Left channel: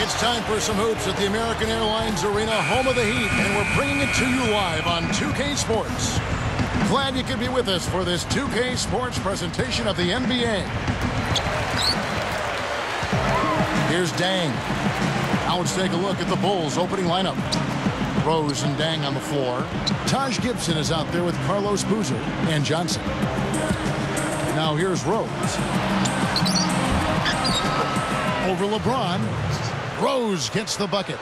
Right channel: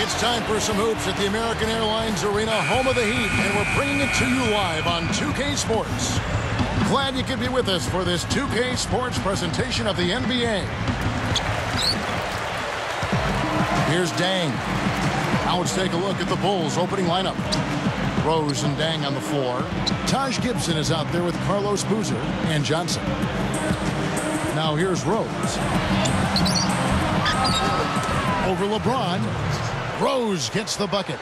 It's time for some hoops at the American Airlines Arena, home of the Heat, and we're bringing it to you live on 2K Sports. Glad you could be with us for this 2K Sports presentation of the NBA. Here's Dang. Now let's take a look at the Bulls' opening lineup. Rose and Dang on the floor. Taj Gibson is out there with Carlos Boozer and Johnson. Now here's Rose. Over LeBron. Rose gets the bucket.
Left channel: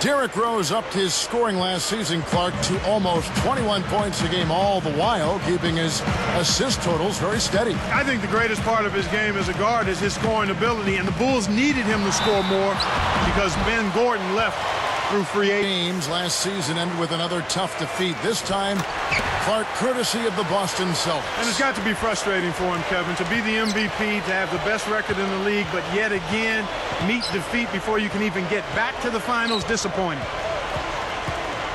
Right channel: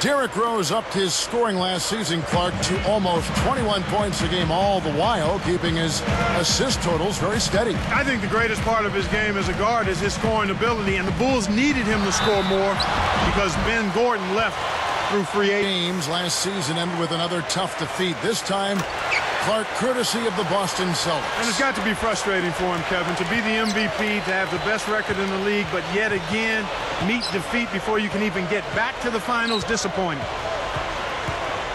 Derrick Rose upped his scoring last season, Clark, to almost 21 points a game, all the while keeping his assist totals very steady. I think the greatest part of his game as a guard is his scoring ability, and the Bulls needed him to score more because Ben Gordon left through free games. Last season ended with another tough defeat. This time, Clark, courtesy of the Boston Celtics. And it's got to be frustrating for him, Kevin, to be the MVP, to have the best record in the league, but yet again meet defeat before you can even get back to the finals. Disappointing.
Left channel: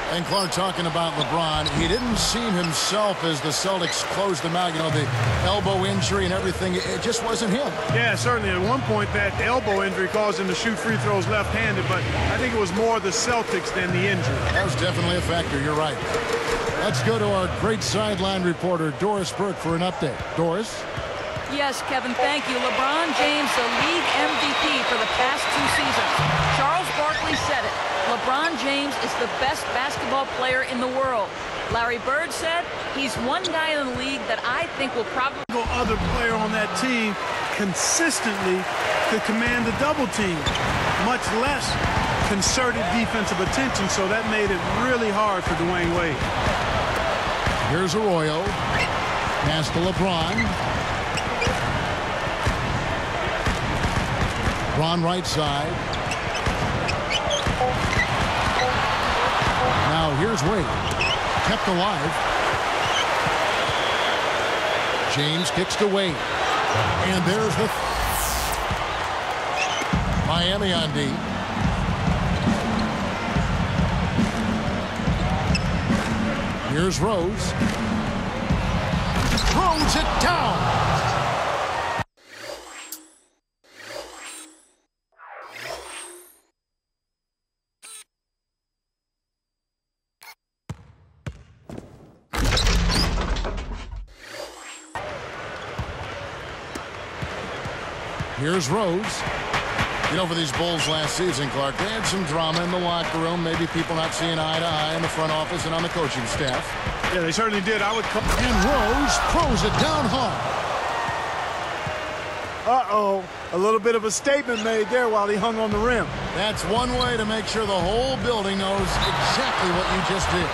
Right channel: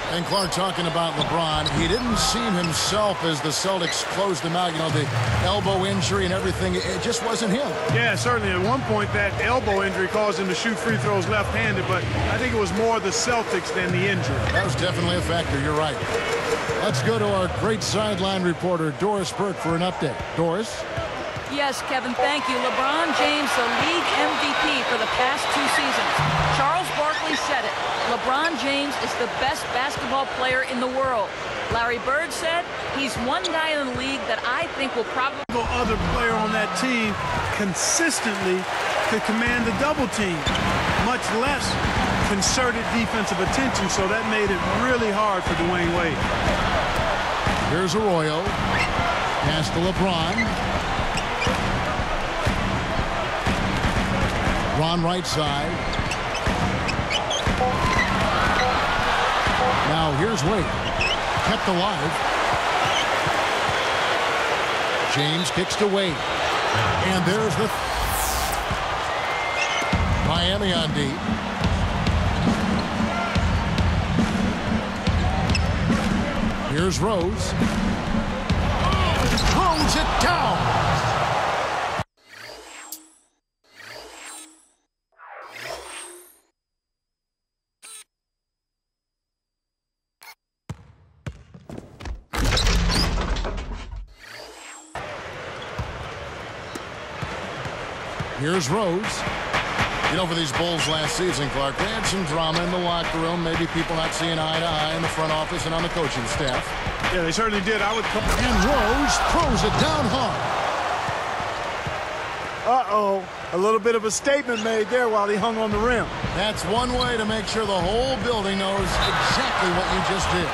And Clark, talking about LeBron, he didn't seem himself as the Celtics closed them out. You know, the elbow injury and everything, it just wasn't him. Yeah, certainly. At one point, that elbow injury caused him to shoot free throws left-handed, but I think it was more the Celtics than the injury. That was definitely a factor. You're right. Let's go to our great sideline reporter, Doris Burke, for an update. Doris? Yes, Kevin, thank you. LeBron James, the league MVP for the past 2 seasons. Charles Barkley said it. LeBron James is the best basketball player in the world. Larry Bird said he's one guy in the league that I think will probably... No other player on that team consistently could command the double team, much less concerted defensive attention, so that made it really hard for Dwayne Wade. Here's Arroyo. Pass to LeBron. LeBron right side. Now here's Wade. Kept alive. James kicks to Wade. And there's the... Miami on D. Here's Rose. Throws it down. Here's Rose. You know, for these Bulls last season, Clark, they had some drama in the locker room. Maybe people not seeing eye to eye in the front office and on the coaching staff. Yeah, they certainly did. I would come. And Rose throws it down hard. Uh-oh. A little bit of a statement made there while he hung on the rim. That's one way to make sure the whole building knows exactly what you just did.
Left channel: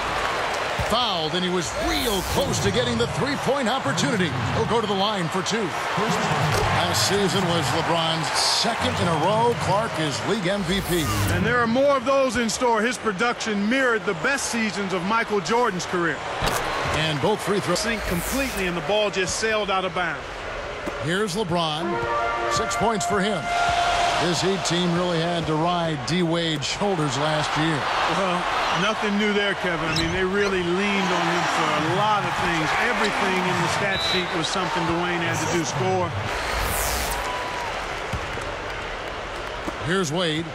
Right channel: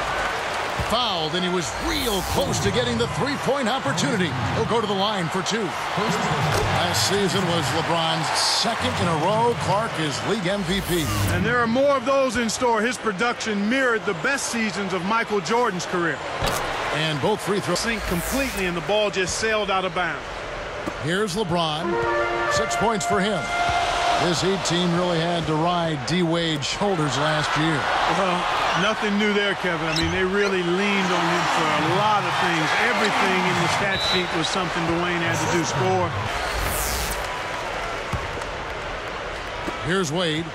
Fouled, and he was real close to getting the three-point opportunity. He'll go to the line for 2. Last season was LeBron's second in a row. Clark is league MVP. And there are more of those in store. His production mirrored the best seasons of Michael Jordan's career. And both free throws sink completely, and the ball just sailed out of bounds. Here's LeBron. 6 points for him. This Heat team really had to ride D-Wade's shoulders last year. Well, nothing new there, Kevin. I mean, they really leaned on him for a lot of things. Everything in the stat sheet was something Dwayne had to do. Score. Here's Wade.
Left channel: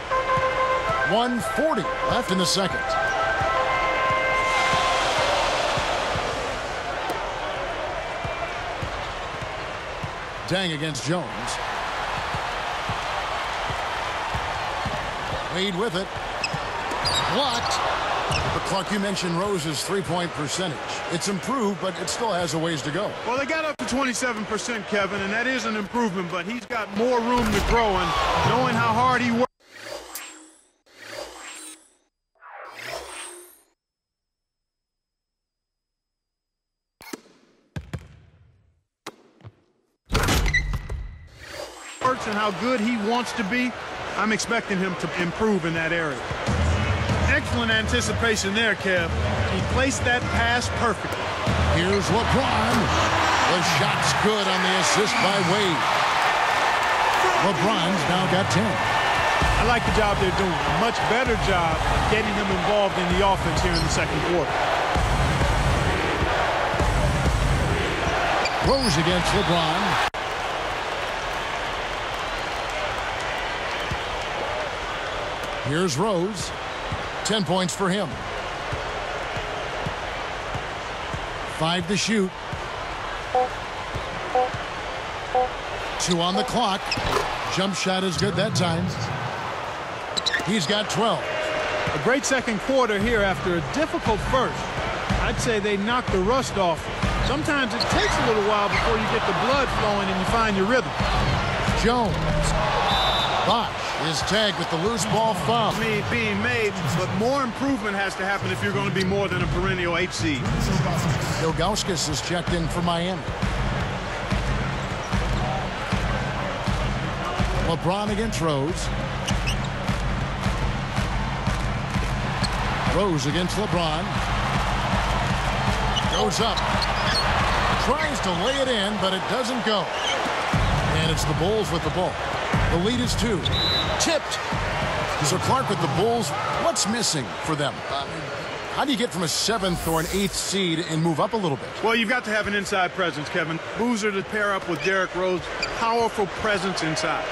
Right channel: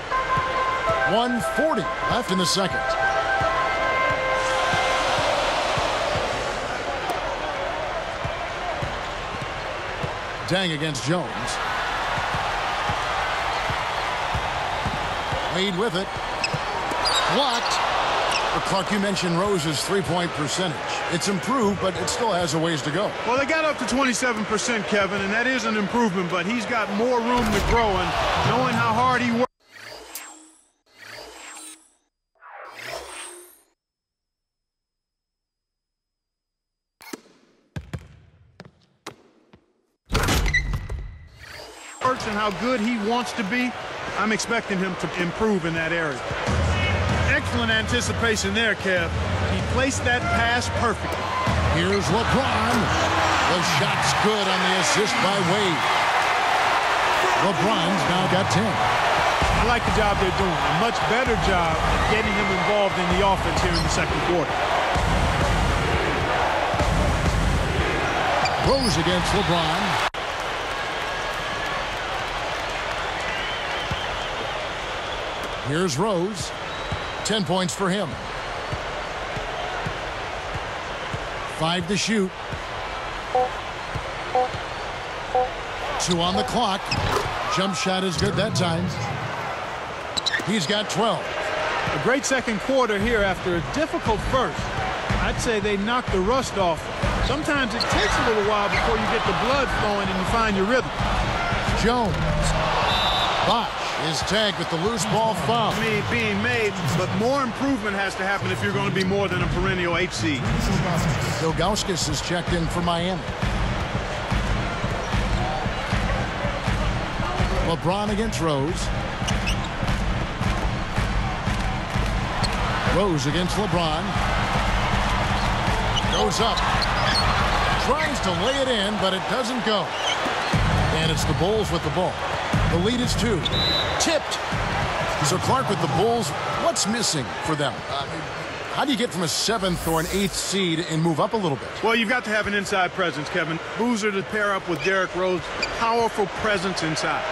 1:40 left in the second. Dang against Jones. Wade with it. Blocked. But Clark, you mentioned Rose's three-point percentage. It's improved, but it still has a ways to go. Well, they got up to 27%, Kevin, and that is an improvement, but he's got more room to grow, and knowing how hard he works. And how good he wants to be, I'm expecting him to improve in that area. Excellent anticipation there, Kev. He placed that pass perfectly. Here's LeBron. The shot's good on the assist by Wade. LeBron's now got 10. I like the job they're doing. A much better job of getting him involved in the offense here in the second quarter. Rose against LeBron. Here's Rose. 10 points for him. 5 to shoot. 2 on the clock. Jump shot is good that time. He's got 12. A great second quarter here after a difficult first. I'd say they knocked the rust off. Sometimes it takes a little while before you get the blood flowing and you find your rhythm. Jones. Bosch is tagged with the loose ball foul. Being made, but more improvement has to happen if you're going to be more than a perennial 8 seed. Ilgauskas is checked in for Miami. LeBron against Rose. Rose against LeBron. Goes up. Tries to lay it in, but it doesn't go. And it's the Bulls with the ball. The lead is 2. Tipped. So Clark with the Bulls, what's missing for them? How do you get from a 7th or an 8th seed and move up a little bit? Well, you've got to have an inside presence, Kevin. Boozer to pair up with Derrick Rose. Powerful presence inside.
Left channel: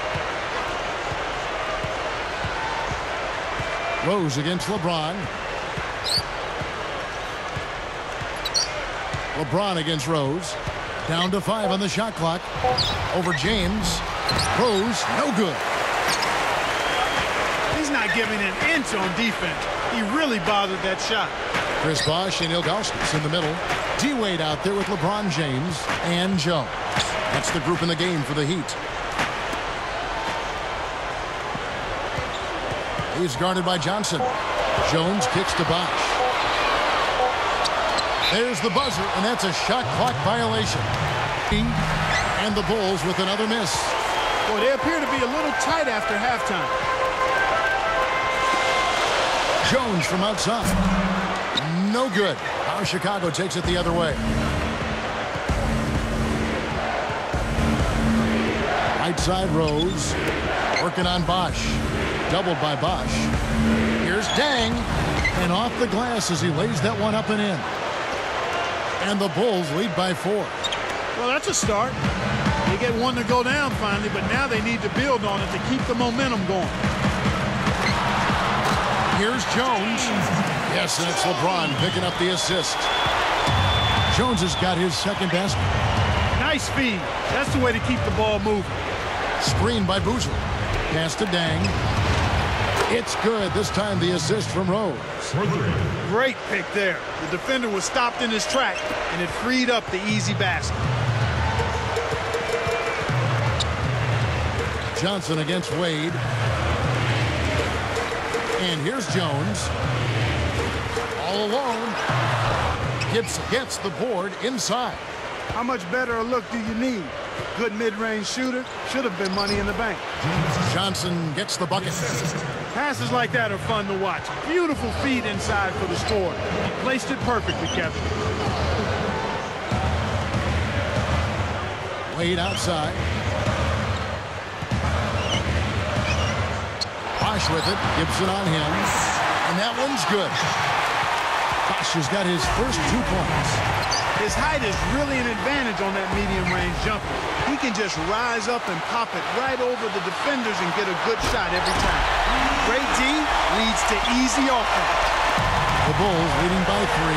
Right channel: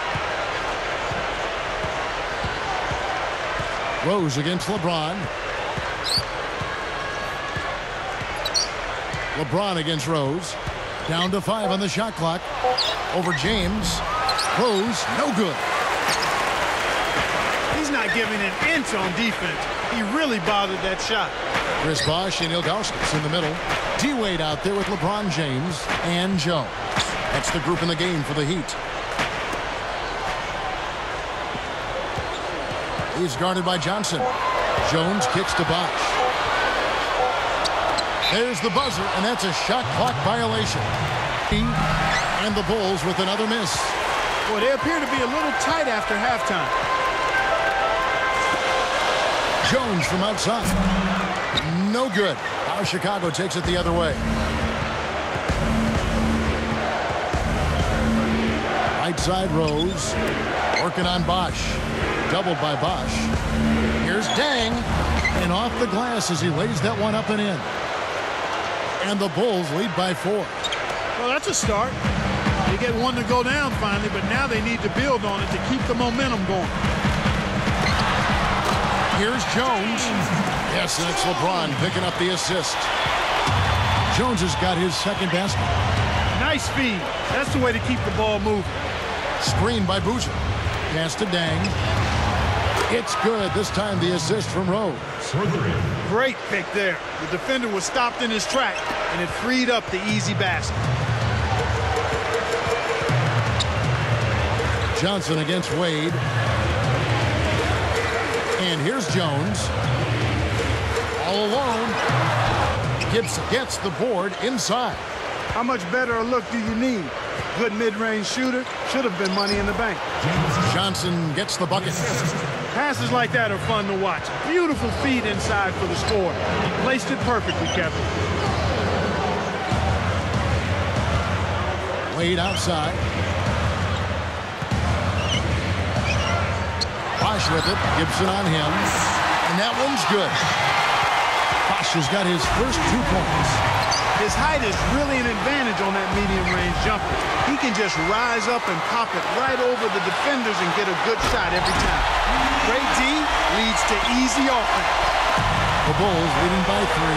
Rose against LeBron. LeBron against Rose. Down to 5 on the shot clock. Over James. Rose, no good. He's not giving an inch on defense. He really bothered that shot. Chris Bosh and Ilgauskas in the middle. D-Wade out there with LeBron James and Jones. That's the group in the game for the Heat. He's guarded by Johnson. Jones kicks to Bosh. There's the buzzer, and that's a shot clock violation. And the Bulls with another miss. Boy, they appear to be a little tight after halftime. Jones from outside. No good. Now Chicago takes it the other way. Right side Rose. Working on Bosh. Doubled by Bosh. Here's Dang. And off the glass as he lays that one up and in. And the Bulls lead by 4. Well, that's a start. They get one to go down finally, but now they need to build on it to keep the momentum going. Here's Jones. Yes, and it's LeBron picking up the assist. Jones has got his second basket. Nice speed. That's the way to keep the ball moving. Screen by Boozer. Pass to Dang. It's good. This time the assist from Rose. For 3. Great pick there. The defender was stopped in his track, and it freed up the easy basket. Johnson against Wade. And here's Jones. All alone. Gibson gets the board inside. How much better a look do you need? Good mid-range shooter. Should have been money in the bank. Johnson gets the bucket. Passes like that are fun to watch. Beautiful feed inside for the score. He placed it perfectly, Kevin. Wade outside. Bosh with it. Gibson on him. And that one's good. Bosh has got his first 2 points. His height is really an advantage on that medium-range jumper. He can just rise up and pop it right over the defenders and get a good shot every time. Great D leads to easy offense. The Bulls leading by 3.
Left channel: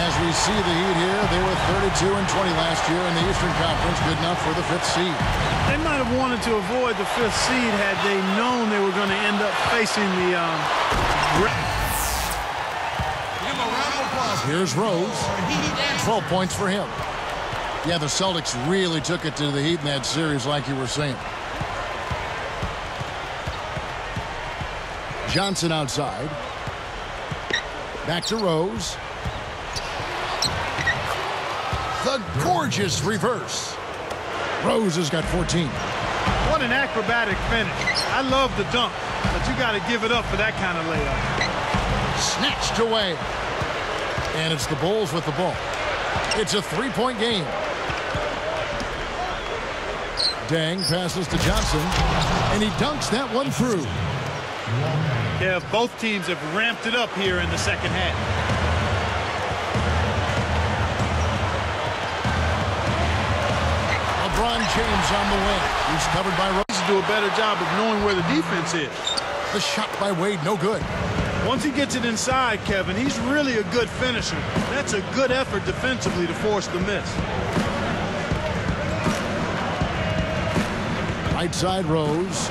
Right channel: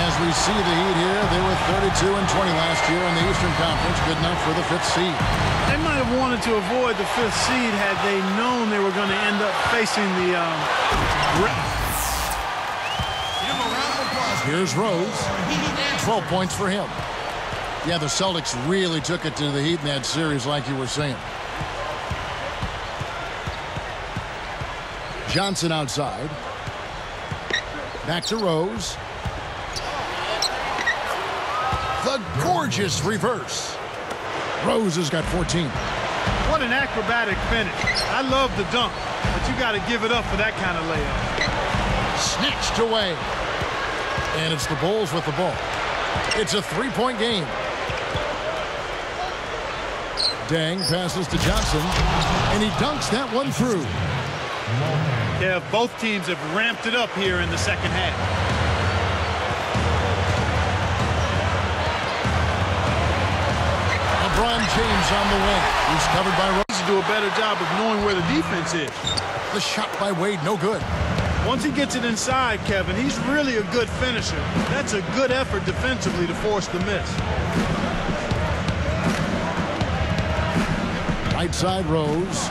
As we see the Heat here, they were 32-20 last year in the Eastern Conference. Good enough for the 5th seed. They might have wanted to avoid the 5th seed had they known they were going to end up facing the Here's Rose. 12 points for him. Yeah, the Celtics really took it to the Heat in that series, like you were saying. Johnson outside. Back to Rose. The gorgeous reverse. Rose has got 14. What an acrobatic finish. I love the dunk, but you got to give it up for that kind of layup. Snatched away. And it's the Bulls with the ball. It's a 3-point game. Dang passes to Johnson, and he dunks that one through. Kev, both teams have ramped it up here in the second half. LeBron James on the wing. He's covered by Rose. To do a better job of knowing where the defense is. The shot by Wade, no good. Once he gets it inside, Kevin, he's really a good finisher. That's a good effort defensively to force the miss. Right side, Rose.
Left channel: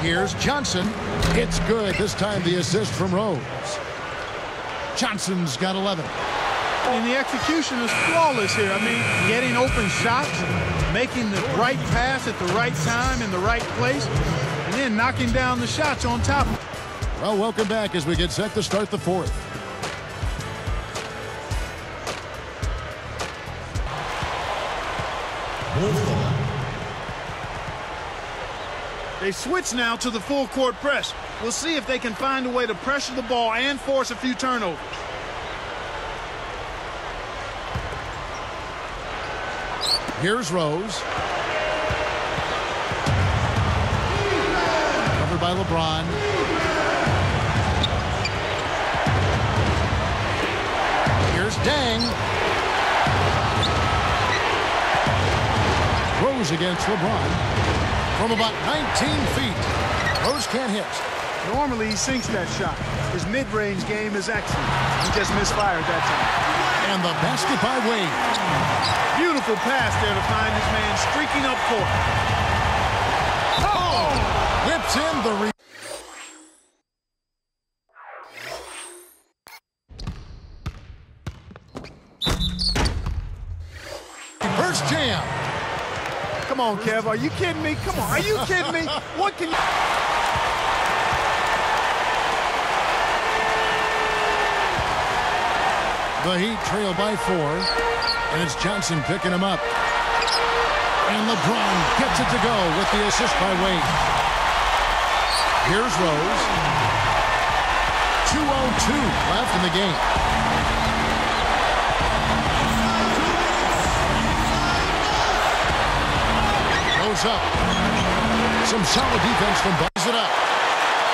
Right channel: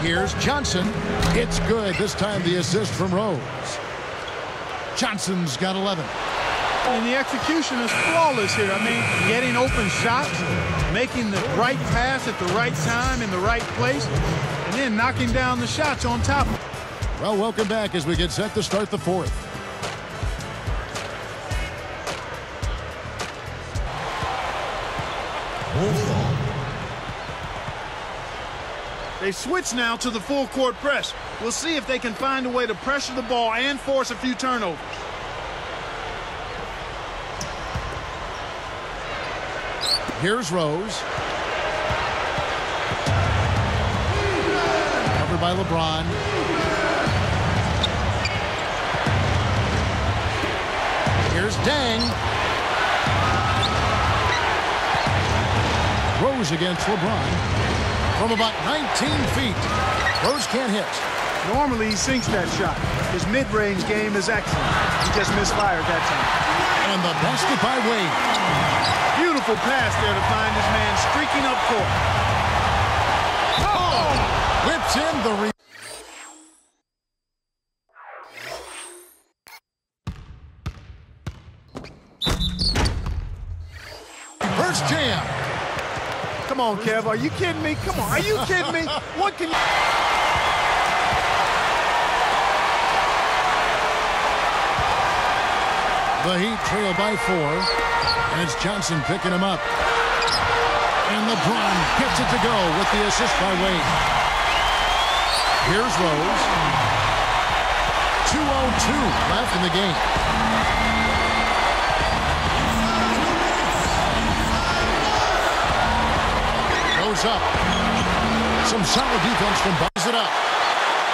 Here's Johnson. It's good. This time the assist from Rose. Johnson's got 11. And the execution is flawless here. I mean, getting open shots, making the right pass at the right time in the right place, and then knocking down the shots on top. Well, welcome back as we get set to start the fourth. Ball. They switch now to the full court press. We'll see if they can find a way to pressure the ball and force a few turnovers. Here's Rose. Covered by LeBron. Here's Dang. Rose against LeBron. From about 19 feet. Rose can't hit. Normally he sinks that shot. His mid-range game is excellent. He just misfired that time. And the basket by Wade. Beautiful pass there to find his man streaking up court. Oh! Whips in the reverse jam. Come on, Kev. Are you kidding me? Come on. Are you kidding me? What can you... The Heat trail by 4. And it's Johnson picking him up. And LeBron gets it to go with the assist by Wade. Here's Rose. 2:02 left in the game. Goes up. Some solid defense from Buys it up.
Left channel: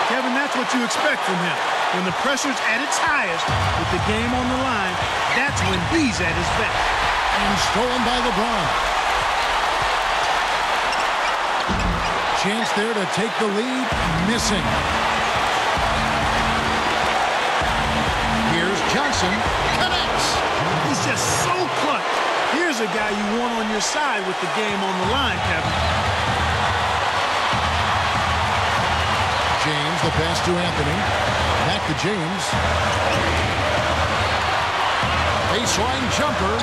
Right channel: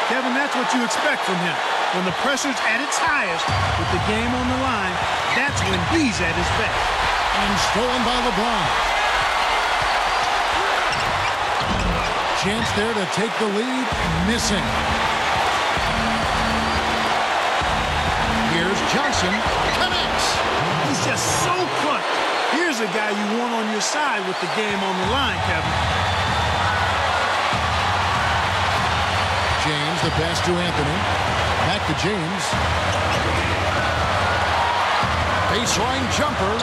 Kevin, that's what you expect from him. When the pressure's at its highest, with the game on the line, that's when he's at his best. And stolen by LeBron. Chance there to take the lead. Missing. Here's Johnson. Connects. He's just so clutch. Here's a guy you want on your side with the game on the line, Kevin. James, the pass to Anthony. Back to James. Baseline jumper.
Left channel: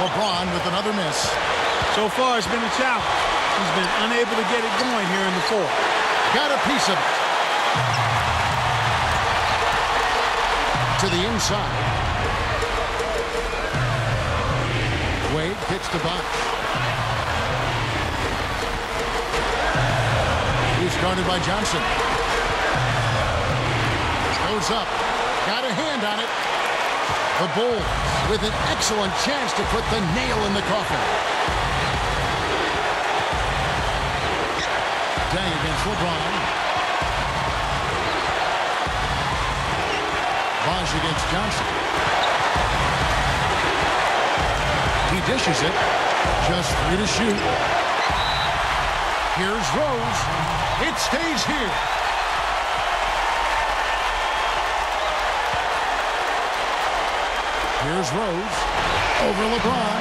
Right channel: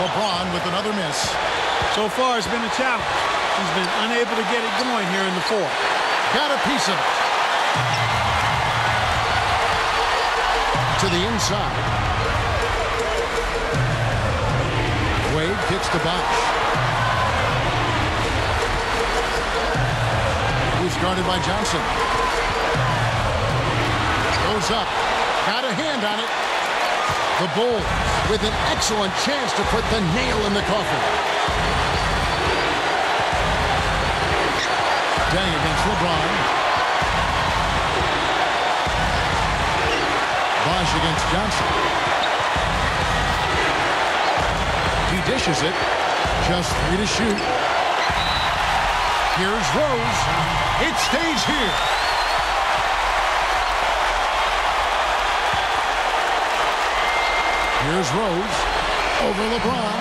LeBron with another miss. So far, it's been a challenge. He's been unable to get it going here in the fourth. Got a piece of it. To the inside. Wade kicks to Bosh. He's guarded by Johnson. Goes up. Got a hand on it. The Bulls with an excellent chance to put the nail in the coffin. Dang against LeBron. Bosh against Johnson. He dishes it. Just 3 to shoot. Here's Rose. It stays here. Here's Rose. Over LeBron.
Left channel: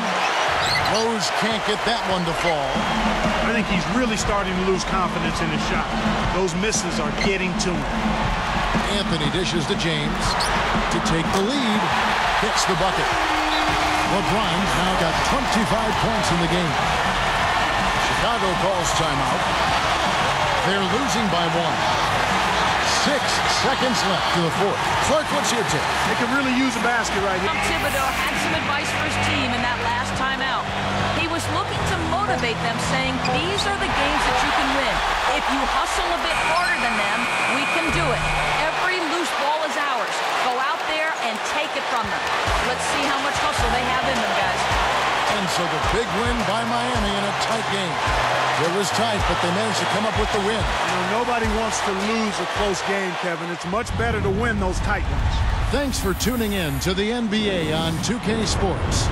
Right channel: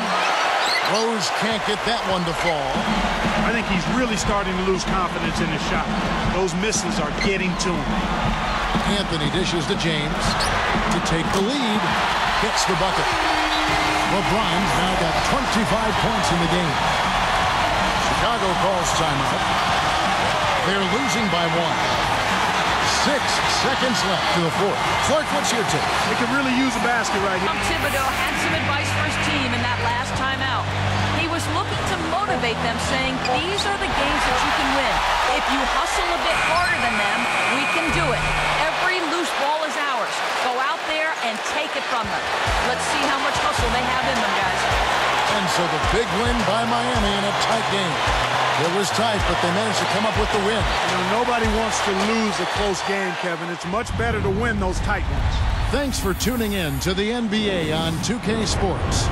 Rose can't get that one to fall. I think he's really starting to lose confidence in his shot. Those misses are getting to him. Anthony dishes to James to take the lead. Gets the bucket. LeBron's now got 25 points in the game. Chicago calls timeout. They're losing by 1. 6 seconds left to the fourth. Clark, what's your take? They could really use a basket right here. Thibodeau had some advice for his team in that last timeout. He was looking to motivate them, saying, these are the games that you can win. If you hustle a bit harder than them, we can do it. Every loose ball is ours. Go out there and take it from them. Let's see how much hustle they have in them, guys. And so the big win by Miami in a tight game. It was tight, but they managed to come up with the win. You know, nobody wants to lose a close game, Kevin. It's much better to win those tight ones. Thanks for tuning in to the NBA on 2K Sports.